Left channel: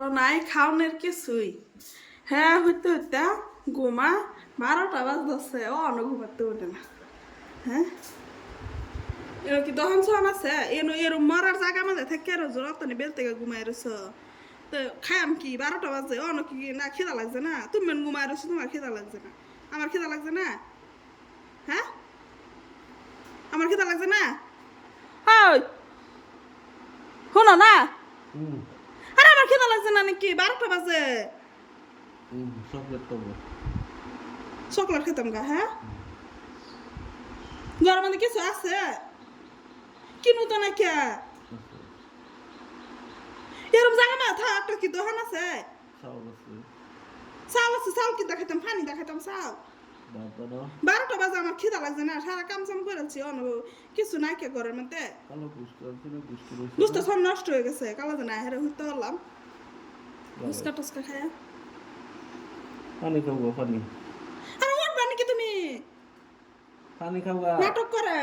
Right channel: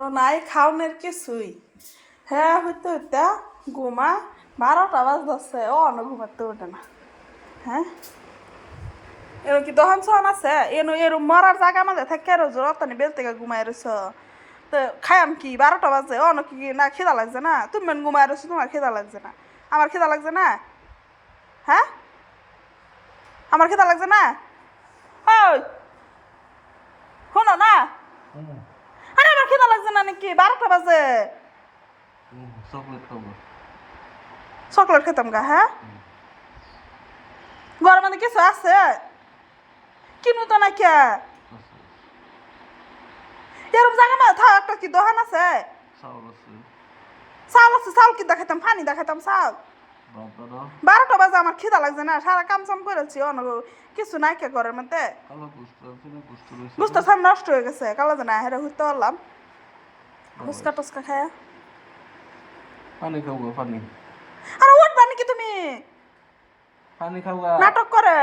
নাই খাওনের কিছুই হ্যাঁ হইতে হইতে ঘুমা 12টা বাজছে ও অন্য ঘুমাতে ওঠে না। হ্যাঁ এর কি দহন সহন আছে এনো এর মরার জায়গা মাঝে থাকে রোজ রতনে বেল থেকে ঘুমাই রইছ তো খাইম কি 12টা বাজে অন্য কি না খিদা লাগছে না তুমি মেন ঘুমাই রইছ তোমার খিদা লাগছে না আমার খিদা লাগছে না। হ্যাঁ আমার খিদা লাগছে না। ওই শোনো না আরে আমার খিদা লাগছে না নাকি 12টা বাজে চকলেট খাবো চকলেট খেতাম গা। হ্যাঁ গরম মানে কিছু আছে কিনু তো না কে এরম জায়গা মা থা একটা কি দোকান আছে চাউল আছে চাউল আছে চাউল কি দেখাইতাম পানি দেখাইতাম চাউল বাবা না 12টা বাজে আমার খিদা লাগছে না সারা কাম চাম করেছি অন্য কিছু নাই কে ঘরের মধ্যে কালো গুস্ত আছে না গুস্ত রয়েছে বুঝতে সব নষ্ট হয়ে গেছে কালা জানা হেরে হইতে পারলাম ফুচকা টুচকা খায়া পানি খাবো পানি আরে উঠবা নাকি তুমি পানি খাবো নাটক করে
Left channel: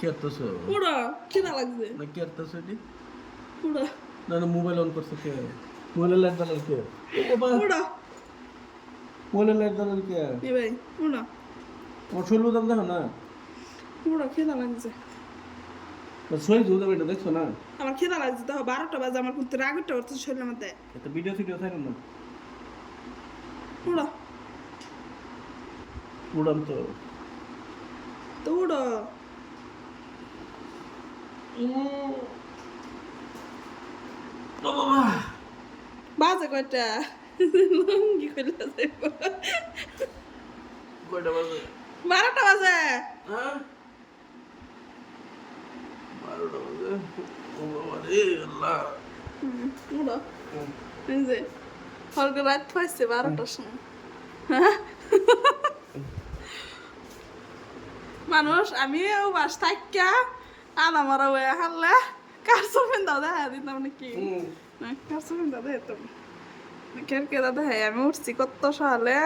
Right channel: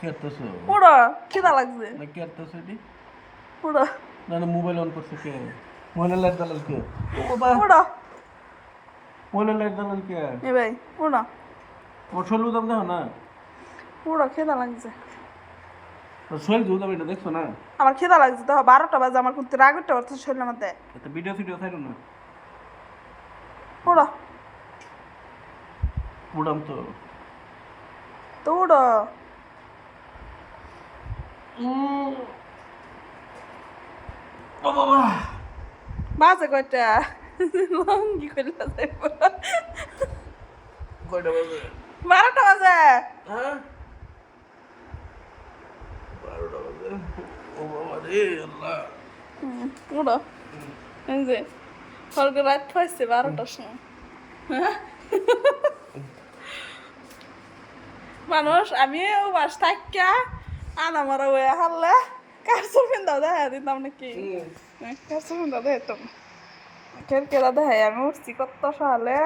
কেতেছো উড়ো খিদা লাগছে না কেতেছো এটি উড়ো না না মোবাইল অন করছে কে মোবাইলের লাইট জ্বালাল কে ও বাবা উড়ো মোবাইলের লাইট জ্বালাল কে এ ভাই উড়ো আমার শরীর দাম দেখো না উড়ো খিদা লাগছে তো শরীর দুধ এটা দেখছো না আমার খিদা লাগছে তো 12টা বাজে আমার কিন্তু রাগ উঠতে পারছে শরীরের মধ্যে এটা ভিডিও ফিডিও খাইলো না উড়ো উড়াম তো তো উড়ো ও বাবা বাজে কয়টা লঙ্গি করে কয়টা বাজে 12টা বাজে হ্যাঁ 12টা বাজে ও বাবা রে আল্লাহ উড়ো এই যে হলকে রাত পাইছে 12টার সময় হ্যাঁ? মানুষ আমি বাস থাকিয়া আনা মারা হয়ে হারলে কার চোখেন দাও দেখা দিতাম নাকি কার চোখেন দাও দেখতাম কেরকেরা দেখাই আমি উঠছি কত সকালে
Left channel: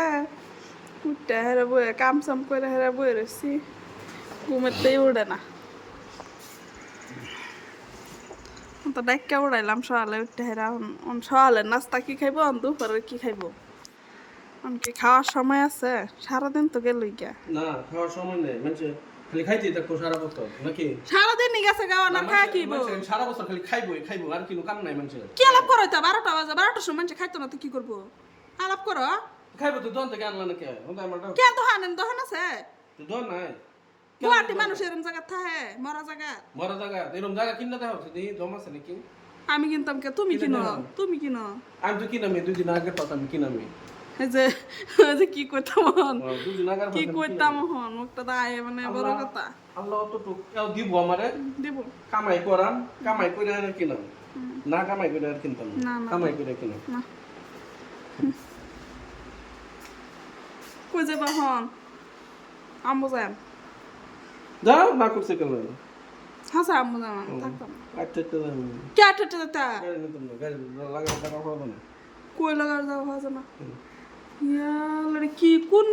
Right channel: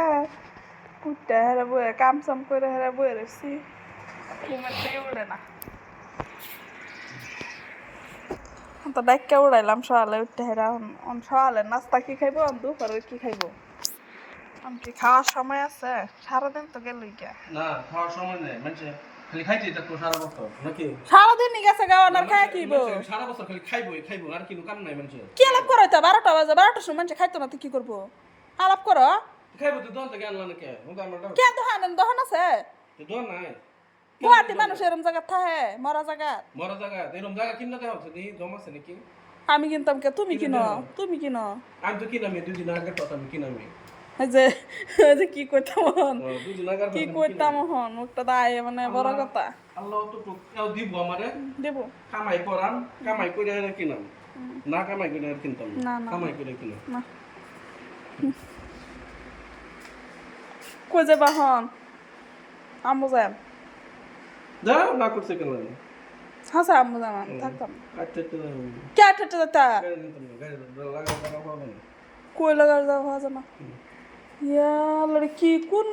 উঠতে হেরে বয়ে কাম সাম করে হেরে বয়ে রয়েছি ঘুমেতেই উড়ে না তো ডাক্কা উড়াইলাম সকালে উঠতে হেরা সকালে নাস্তা কি খাইবো দুপুরে কি খাইবো কি খাওয়ার সময় আছে সারাদিন তো গেলই গিয়া না খাওয়ার সময় নেই মানুষে খালি খাইতেই থাকবো সারা বছর নাকি সারাদিনই গেছে গাওয়ার খায় কিব সারা বছর খালি খাইবো আর কিনো কাম নাই মানুষের কি আলাপ করো তো 12টা বাজে 12টার সময় মানুষ খাইতো না তো কি করবো আলাপ করো খাইবো তো দোকান থেকে আনলা নাকি ওটা আমার কে দোহান আছে দোকান নাই গুয়াহাটি মানুষ এরম জায়গা থাকে মরা জায়গা মরা জায়গা এরকম জায়গা কিনলে দেখা হচ্ছে দেখি জম আছে নাকি আমি কিনতাম কে তুমি কিনো আমি তো কিনামি 2 দিন আগে পাতাম কিনামি এই যে কি করতাম দুদিন আগে কি করতাম হন মুখটা দায় মানে বড় কথা আল্লাহ তো কেউ দিব আমারে দেব কামাই করান কামাই করে আর কিনাম না কামাই করে আর কিনতাম না না কামাই করে কিনাম না কই যাবা হন আম্মু যাম যাও না করছে কেন হাসা আম্মু যাম থাকতাম আচ্ছা চলে কে আটটা তা গাড়ি নিতাম না গাড়ি লাগা টাকা পাবো না কই লাগার যাওয়া হয় না ইয়া লড়ি কি কোন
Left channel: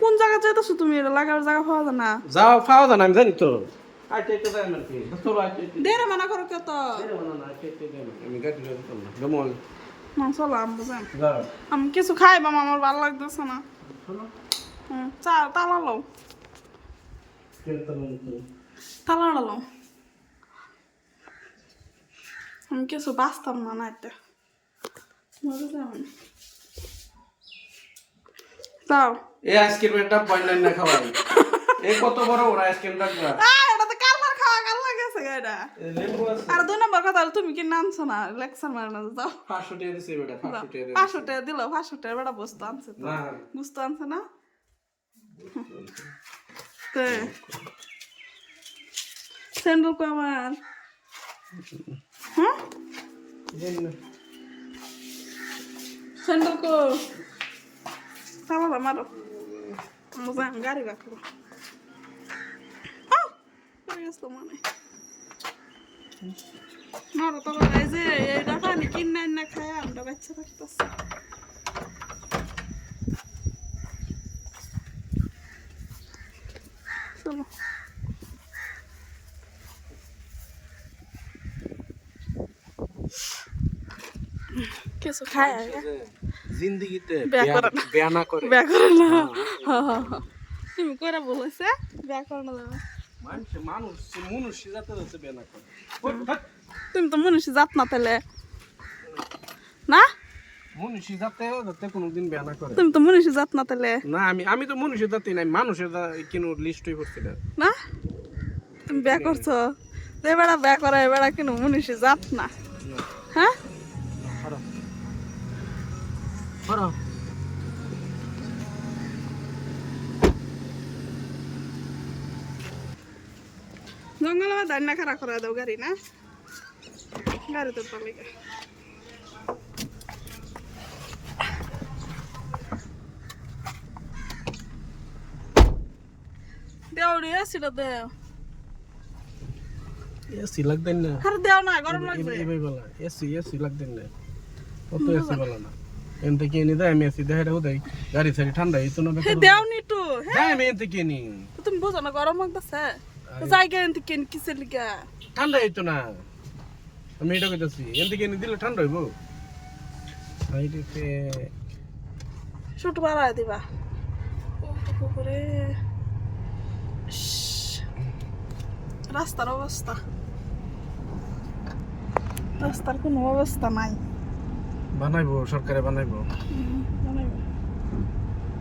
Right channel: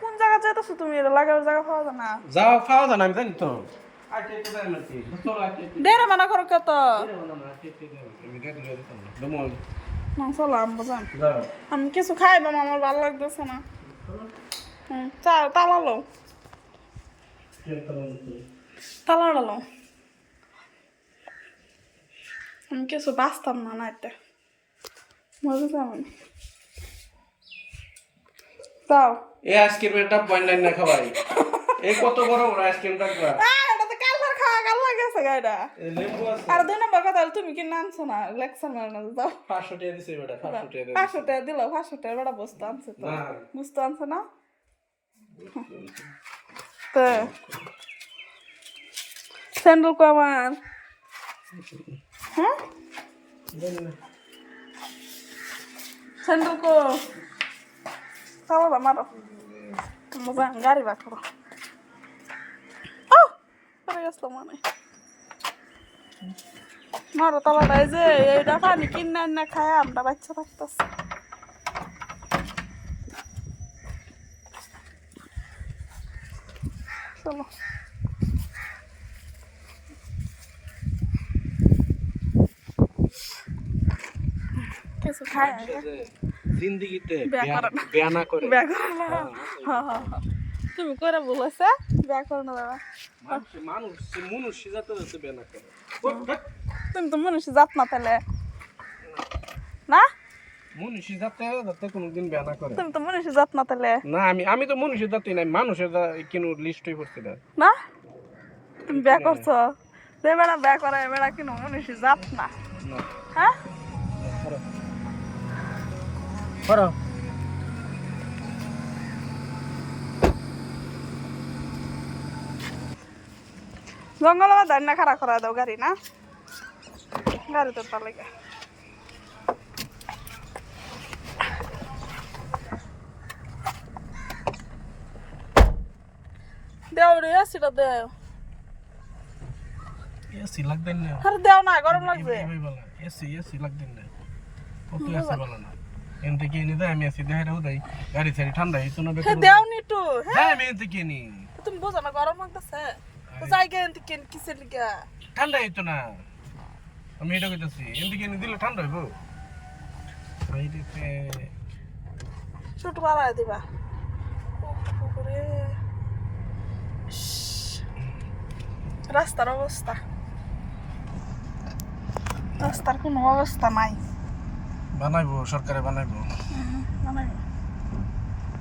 কোন জায়গা যাইতাছো তুমি এটা লাগার জায়গা পাওয়া যায় না যাও পাওয়া যায় না আমি জানি তো আচ্ছা একটু যাই মারছি চলো আচ্ছা দেরে মানা করো কত আমি গাড়ি লয়ে দিতাম না দমল না চলো আম্মু যাম না আমি কিছু খাই বাবা আমার ভালো লাগতেছে না চলো চা তালা লো তালা লো আমি কিছু বাঁচতাম না না এটা মজা যাবেন যাও এই আইসক্রিমটা পয়েন্ট না খাবাই এই কত বড় বড় আইসক্রিমটা দিলাম এটা তো কালবার খাওয়া কাল লাগেছে গাইডা এই লেবু আছে আর 2 নম্বর কথা হলো তুমি কি নামছো না লেকচার মারো না যাও 500 টাকা দিছে বেটা 500 টাকা দিছে 500 টাকা দিল 500 টাকা বেটা বস্তু আনছে তো না বস্তু আনছে না তো স্যান্ডেল কো আমার হ্যাঁ স্যান্ডেল কো তালা মারো মজা গাড়ি বা করো ও পরে গেছিল মনে মারো তালাটা এই যে এইটা পানি কিনে না খায় আমরা বাচ্চা থাকতেছে চলো কিছু খায় জিন্দেগিতে বিয়া করে না। বিয়া না করে বিয়া করে না তুমি করে বলেছে বিয়া করে না দাদা মানুষ মনুষ্য জাতের আছে বিয়া না করে তুমি তো মনীষী জাত না তাহলে না মনুষ্য জাতে কোনোদিন বিয়া না করে তুমি তো মনীষী জাত না তাহলে না আমি তো মনুষ্য জাতি নাই মানুষের কিনো লিস্টই করছি না না তুমি বিয়া করছো যে বেড়া বিয়া করে এ বেড়া কিনো মনীষী জাত না হ্যাঁ করো জঙ্গলে বা দাঁড়িয়ে খারাপ করা দাও গাড়ি না গাড়ি তোর পালে দেও রে আসিল দেও এসি লাগদেন না আরে দেও না গরম লাগবে এই বলা এসি লাগদেন না কত এসি বলা না এন থেকে এনে দেয় আমি এসি দেখাই দেই গাড়ি সারি ঠান্ডা হইতো না হে বেকার দেও নি তো হ্যাঁ আমি এন থেকে নি তো তুমি বুঝো না গরম লাগতেছে তো জায়গা এনতে কেন কিসের লিগা ঠান্ডা হইতো না আমি এটা কইতাছি এন থেকে এনে দিলে ঠান্ডা হইবো আই দিতে শুট বাড়ায় দিবা ওরে রাস্তার অবস্থা রাস্তার কোনো অবস্থা নাই বানাইবো সরকারে বানাইবো বানাইবো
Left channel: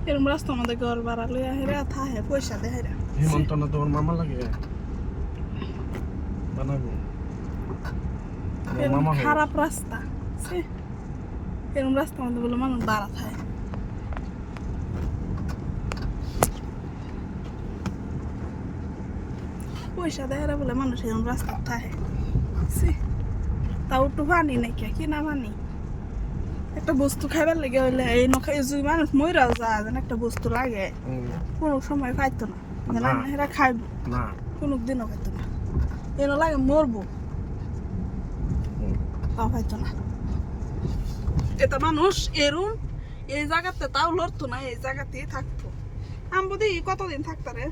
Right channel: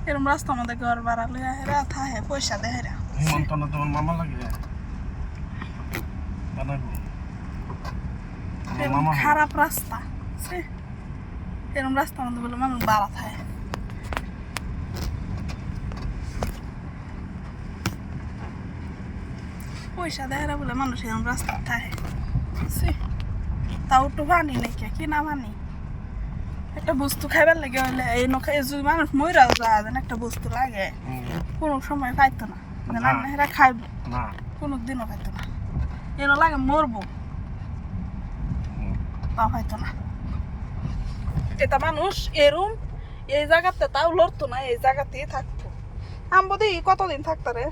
এরম রাস্তার মধ্যে ঘর ভাড়া লইয়া হেরা থাহে পয়সা দেয় হেরা হিমন্ত না তোমার মামা লাগে বানাইবো আমার এরম মামা হবে। খারাপ রাস্তা ছি, এরম রাস্তার মধ্যে বলে মানুষ ভাড়া থাকে পয়সা দেয় হেরা বলে মানুষ এরম রাস্তা থাকে ছি, তাও একটু পানি নাকি কি না পানি একটা বস্তু খাইবার লাগে হইলে এই নখাই যদি মানুষ মইরাও যায় যেন একটা বস্তু লাগে কোনো সময় পাইতো না যেন না। এরা খাইব না কোনো দিনও পাইতো না এনে লাগে মরবো তা পাইতো না এটা মানুষ এরম এই জায়গাতে তাও লড়তো না এই জায়গাতেই থাকতো আমবো দেখি কতদিন থাকতো রে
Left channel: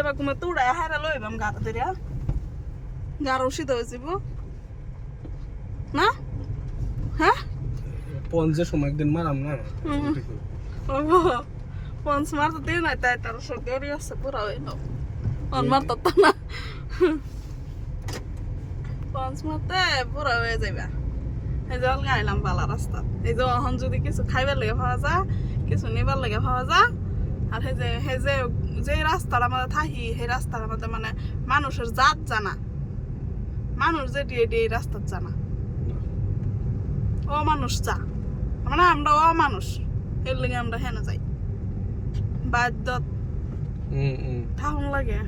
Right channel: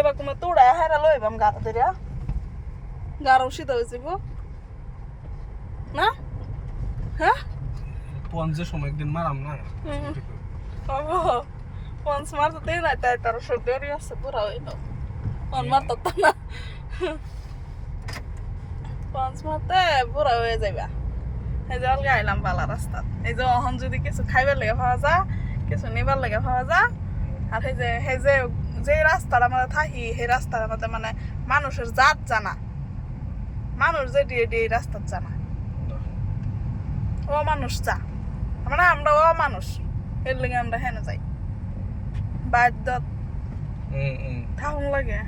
এবার কোনো তুড়া হেরা লইবাম গাড়া ধরিয়া গাড়া উচিত হয়ে যাব না হ্যাঁ পঞ্চের সময় একদিন মারাম না ওগো পঞ্চ মারতে দেই না তাই তার দেরি আছে পুরা হইল অন মারতে তো না পঞ্চ মারতে পুরা হয়ে যাইবা এই যে অলগা আইলাম বালা রাস্তা এই যে অহন যদি কিছু খাইবার লেগে পাওয়া যা কিছু নিবার লেগে পাওয়া যা আর সেই যে রাস্তার আমাদের থাকি সেই রাস্তার আমাদের মানে মানুষের জাত জানা মানুষ যে দিয়ে দিয়ে রাস্তার জানা ও মানুষ চা মানে আমরা ও মানুষ এর লেগে আমরা হেন যাই বাদ্য থাকুন লাগে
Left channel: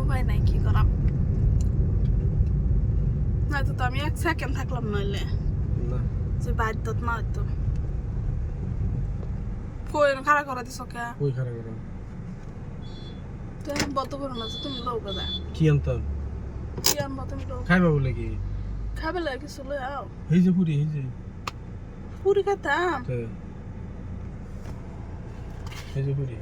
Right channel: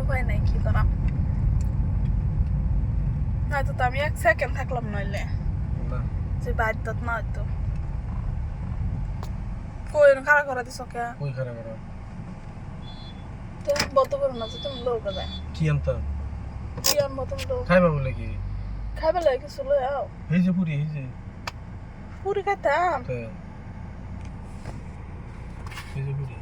উপায় নাই কি করাম নয়তো তো আমি 1 সেকেন্ড থাকলাম নইলে না যে বাদ্যত না হইতো কই খারাপ করা দিছ কে কই খারাপ করা তো বদ্ধ করো না যে তুমি লোক যায় কি আনতাম কি আনবো তুমি লোক খাইবা বলে কি খাবে লাগে কিছু লই আও এই যে পুরি এই যে পুরি খাইতাম এই যে পুরি